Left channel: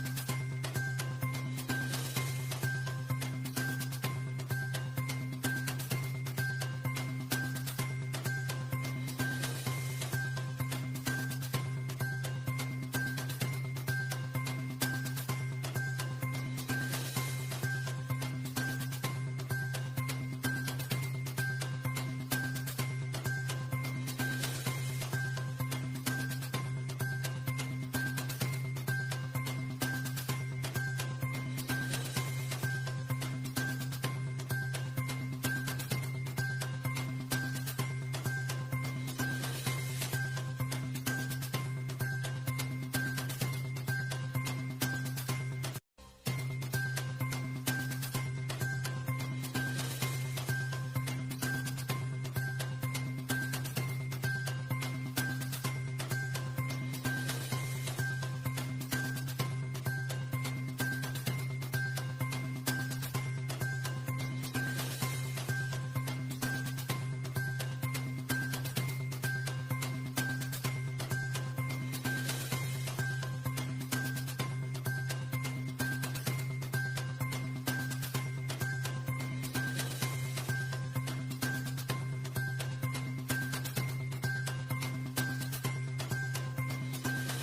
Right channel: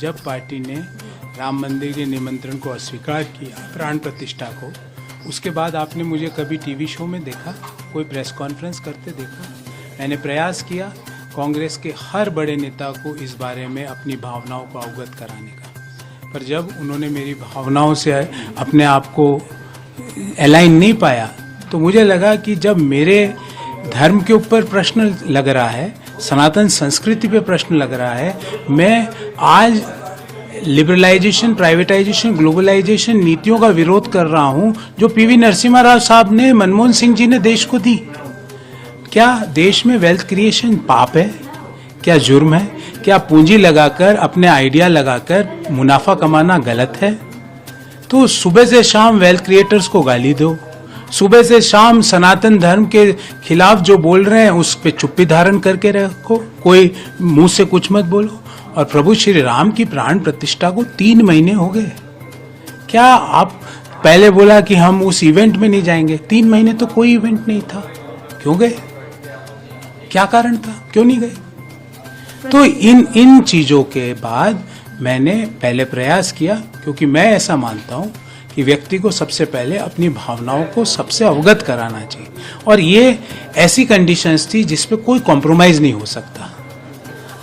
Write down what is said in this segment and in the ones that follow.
जब पार्टी ने राम मंदिर के निमंत्रण को अस्वीकार किया, प्राण प्रतिष्ठा को, उसके बाद आपने मुझे कभी टीवी शो में देखा, कोई प्रेस कॉन्फ्रेंस करते देखा? मैंने प्रयास किया कांग्रेस के हर बड़े नेता को इस बारे में अपनी भावनाओं को अवगत कराने का, पर जब उन्होंने मेरी भावनाओं से अपने आप को अलाइन नहीं पाया तो मुझे लगा कि जब मेरे धर्म के ऊपर प्रश्न लग रहा है, सनातन संस्कृति पे प्रश्न लग रहा है, मैं आज लिबरलाइजेशन, प्राइवेटाइजेशन, ग्लोबलाइजेशन नीतियों का विरोध कर रहा हूं जो पीवी नरसिम्हा राव साहब ने, मनमोहन सिंह जी ने देश को दी। क्या देश में वेल्थ क्रिएशन पाप है? क्या जुर्म है? क्या पूंजी लगाकर, अपने आइडिया लगाकर मुनाफा कमाना गलत है? तो सुबह से शाम वेल्थ क्रिएटर्स को गाली दो, सुबह से शाम सनातन धर्म के खिलाफ जो बोल रहे हैं उस पे चुप्पी धारण करके रखो, कोई मुंह से कुछ मत बोलो। और प्रभु श्री राम की प्राण प्रतिष्ठा को 3 महीने हो गए। क्या आप पहले बोला कि हम उस इवेंट में नहीं जाएंगे, 3 महीने तो कोई इवेंट नहीं था, क्यों गए? क्या कारण था, क्यों नहीं गए? तो इन चीजों के बाद मैंने पहले प्रयास किया, क्योंकि मैं ऐसा मानता हूं कि व्यक्ति को सबसे पहले अपनी भावनाओं को सबसे अवगत कराना चाहिए, और ये ऐसी कंडीशंस थी जिसपे कोई कॉम्प्रोमाइज नहीं हो सकता,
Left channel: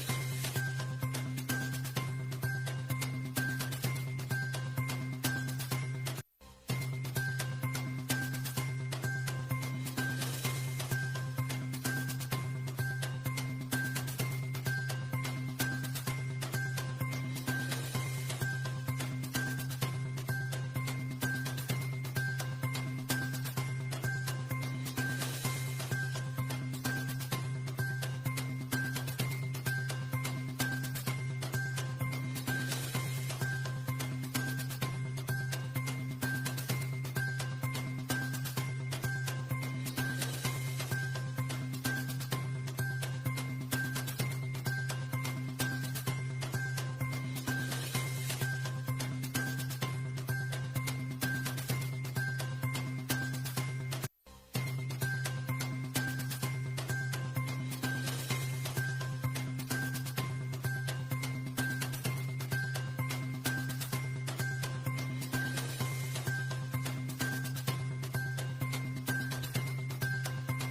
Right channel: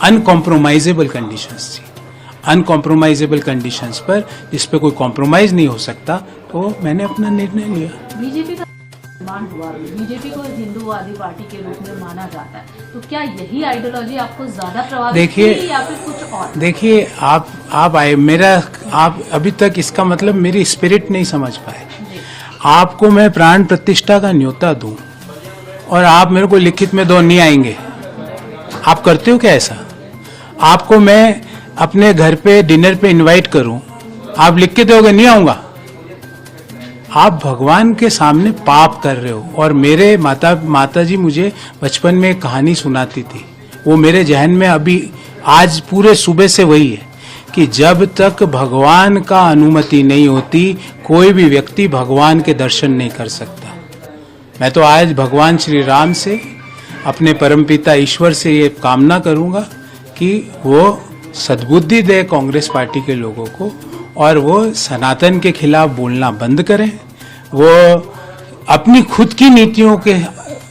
अनकॉम्प्रोमाइजेबल कंडीशंस थी, अनकॉम्प्रोमाइजेबल कंडीशंस पर जिस पे कोई कॉम्प्रोमाइज नहीं हो सकता, तो मैंने अपना निर्णय लिया। बीजेपी का निर्माण हुआ, बीजेपी को हिंदूवादी पार्टी के रूप में माना जाता है, तो क्या यही आइडियोलॉजी आपको ज्यादा प्रभावित की या फिर कुछ और? देखिए, आप अभी तक इसका मतलब मेरी स्पिरिट नहीं समझ पाए। आपको मैं प्राण प्रतिष्ठा का न्योता दूं और आप मेरे को लिखित में दो, नहीं आएंगे। आप करते हो क्या ऐसा? आपको मैं अपने घर पे डिनर पे इनवाइट करूं, आप लिख के दोगे नहीं आऊंगा? आप भगवान के सामने पाप कर रहे हो। और मेरे माता जी मुझे बचपन में एक कहानी सुनाती थी, वो मेरे जहन में अभी आज पूरे सुबह से वही है कि जब तक भगवान का अनुमति नहीं होती कोई भी व्यक्ति भगवान के दर्शन नहीं कर सकता। मैं तो आज भगवान श्री राम से, अपने परमपिता ईश्वर से ये कामना करूंगा कि वो सद्बुद्धि दे कांग्रेस पार्टी के लोगों को, और वो सनातन के खिलाफ बोलना बंद करें, वो अपनी खुद की नीतियों के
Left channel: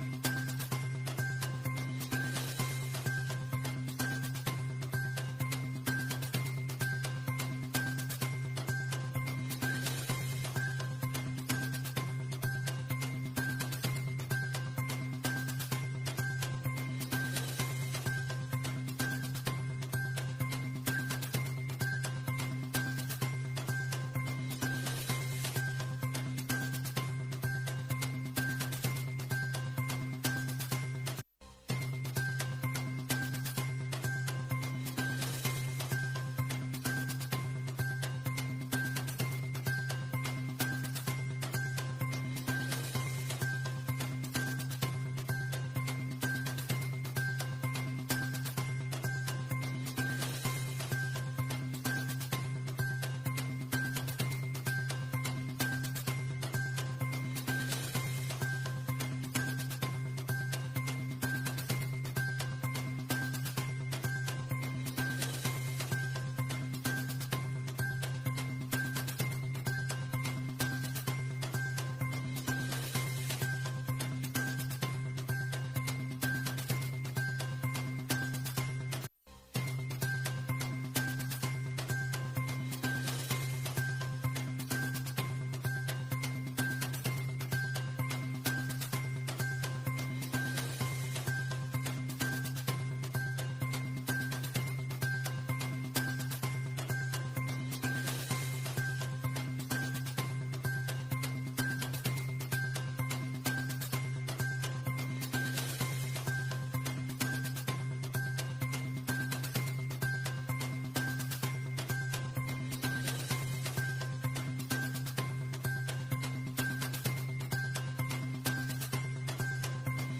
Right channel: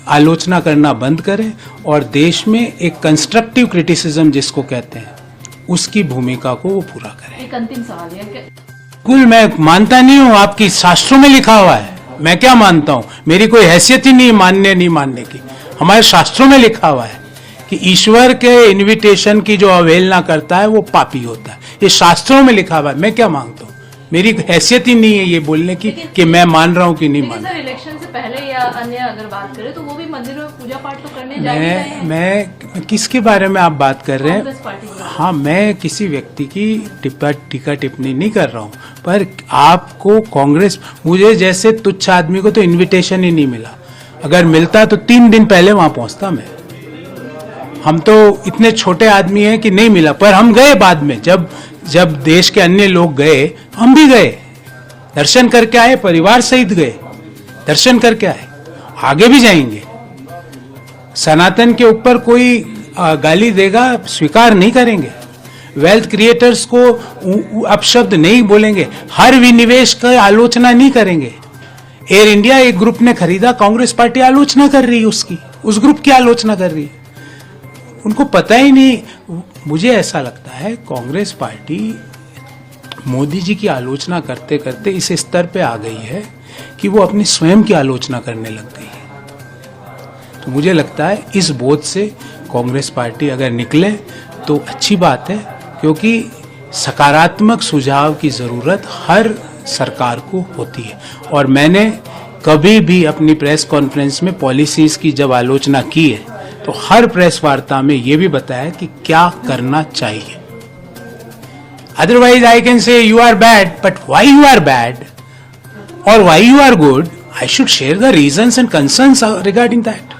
आलोचना करना बंद करें, और देश में एक कंस्ट्रक्टिव क्रिटिसिज्म जिसको कहते हैं उसकी भूमिका को वो पूरा करें। एक अंतिम सवाल है, कुल मैं मानता नहीं हूँ, आपकी शास्त्रों में लिखा हुआ है, मैं क्या मानता हूँ? मेरी कोई हैसियत ही नहीं मानने नहीं मानने की। हमारे शास्त्रों में लिखा हुआ है कि ईश्वर के इनविटेशन की जो अवहेलना करता है वो पापी होता है, ये शास्त्रों में लिखा हुआ है। मैं क्या मांगता हूँ? मेरी हैसियत ही नहीं है ये बोलने की कि मैं मान रहा हूँ कि नहीं मान रहा। इलेक्शन से पहले या अन्य अगर बात करें तो वो भी मंदिर में पूजा पाठ तो करने जाएंगे। मैं किसके बारे में आप बात कर रहे हैं? हाँ, मैं किसी व्यक्ति की टीका टिप्पणी नहीं कर रहा हूँ, पर आपको कांग्रेस, मुझे जैसे तुच्छ आदमी को तो इन्विटेशन ही नहीं मिला। अगर मिलता तो 3 दिन पहले वहां पहुंचता मैं। हम तो इतने छोटे आदमी हैं कि नहीं मिला, पर हम गए बाद में, जब देश के अन्य लोग गए हम भी गए, दर्शन करके आए, परिवार सहित गए, दर्शन करके आए, आगे भी जाएंगे। सनातन के ऊपर कोई गाली देगा स्वीकार नहीं करेंगे, वेल्थ क्रिएटर्स को अपशब्द नहीं बोलेंगे, हर विनिवेश की आलोचना नहीं करेंगे। एयर इंडिया एक ग्रुप ने खरीदा, कांग्रेस पार्टी आलोचना कर रही है उसकी, उस ग्रुप की आलोचना कर रही है। उनको पता ही नहीं। मुझे ऐसा लगता है कांग्रेस पार्टी मोदी जी की आलोचना करते करते इस स्तर पे आ गई है कि वो अपनी स्वयं की आलोचना करने लग गई है। तो मुझे लगता है इस बोझ से कांग्रेस पार्टी अगर निकले तो अच्छी बात है, क्योंकि सकारात्मक सुझाव की जरूरत हर सरकार को होती है। और मैंने कभी भी अपनी प्रेस कॉन्फ्रेंस में पॉलिसीज की जब आलोचना की है तो हर प्रेस वार्ता में ये भी बताया कि क्या करना चाहिए। Otherwise I can say you are bad, but why you are bad or why you are good, I should share the reasons and concerns regarding that.